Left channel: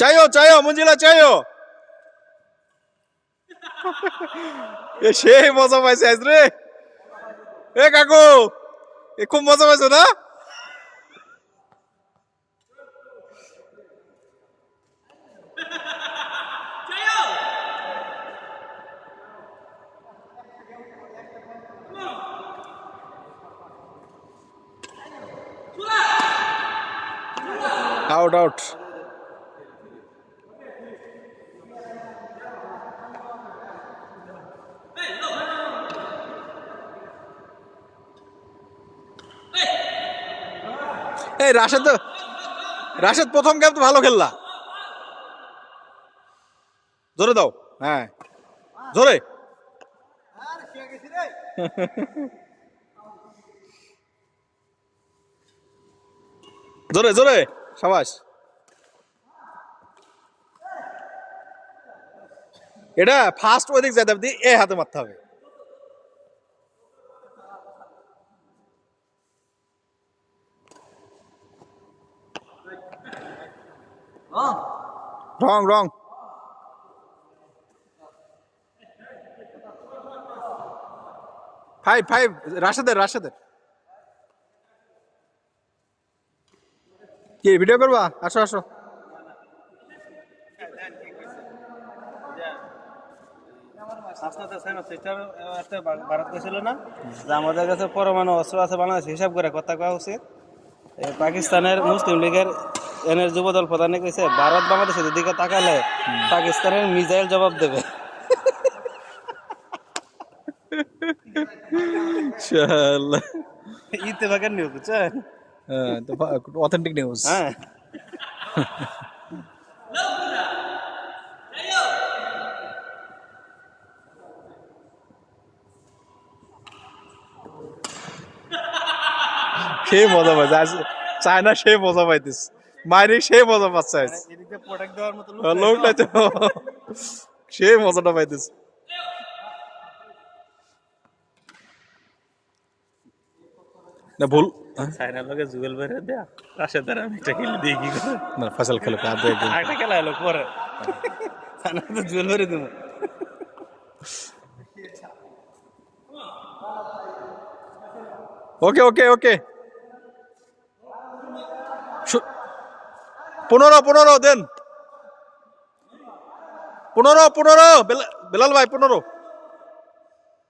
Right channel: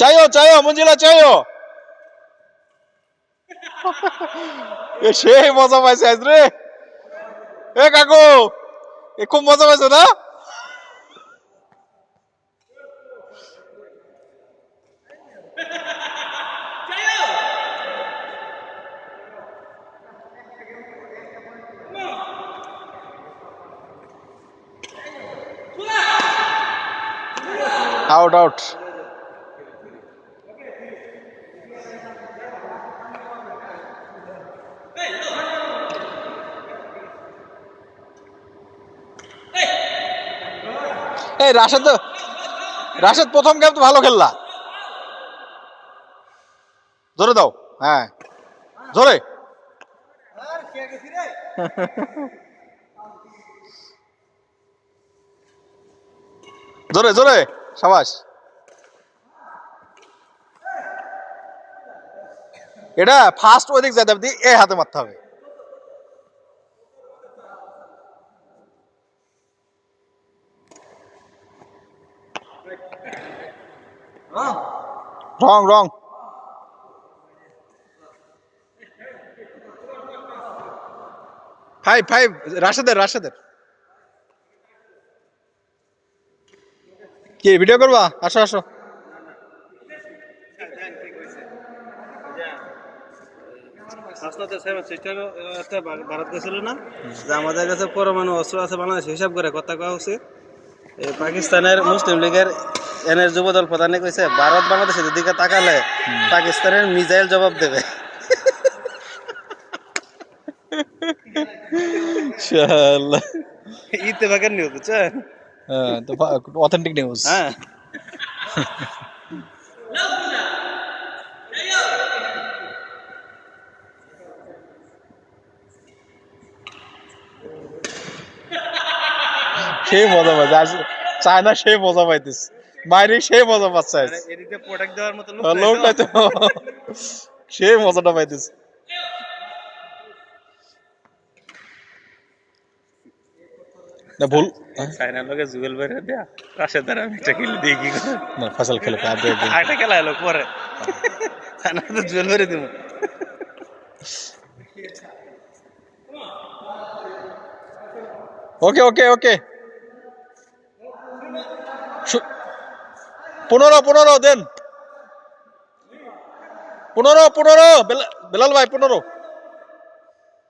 চাইও চাইও মঞ্জিলা চাইও। সেই মজা পাইছে আজ রে। এ কাকু খুব মজা পাইছো না? Out out. এই রাশেদ প্রথম গেম তো ভালো খেললা। জোরে দাও। হ্যাঁ জোরে। জোরে জোরে সাবাস। এটা ফার্স্ট ওদিক যেতে হবে, এ হাতে মারতে হবে। রং রং। ফাইভ ফাইভ রাশেদের। কি ভিডিও করবা? আসো আসো। ভারত ছিল না যে আমাদের কাছে পরমাণু অস্ত্র আছে, বাংলাদেশ হিসাব করে কথা কওয়া উচিত। পাকিস্তানের মুসলিম লীগের এনের যুবদল প্রধানে কইছে ভারত বাংলাদেশের দিকে তাকালে পাকিস্তানের মিসাইল জবাব দেবে। ইত্তেফাকের নিউজ বুঝছেন? তো অথেন্টিক নিউজ। হ্যাঁ সেই মজা পাইছে আজ। চায়না সেই মজা পাইতেছে, মাইরি সেই মজা পাচ্ছে আজ। এদিকে প্রোটেক্ট দেওয়ার মতো লোকটাই তো সেই মজাটা পাইতেছে। না ভুল চায়নার লোকে জুয়েল বেরে দেয়া রাশেদ দ্বারা আমি একটা খেলে দিয়ে কি করে না ফসল খেলে একটা খেলা এলো পরে চায়না তো জুয়েল বেরে দিব। ওকে ওকে ওকে 15 দেন। 15 বেলাল ভাই 15।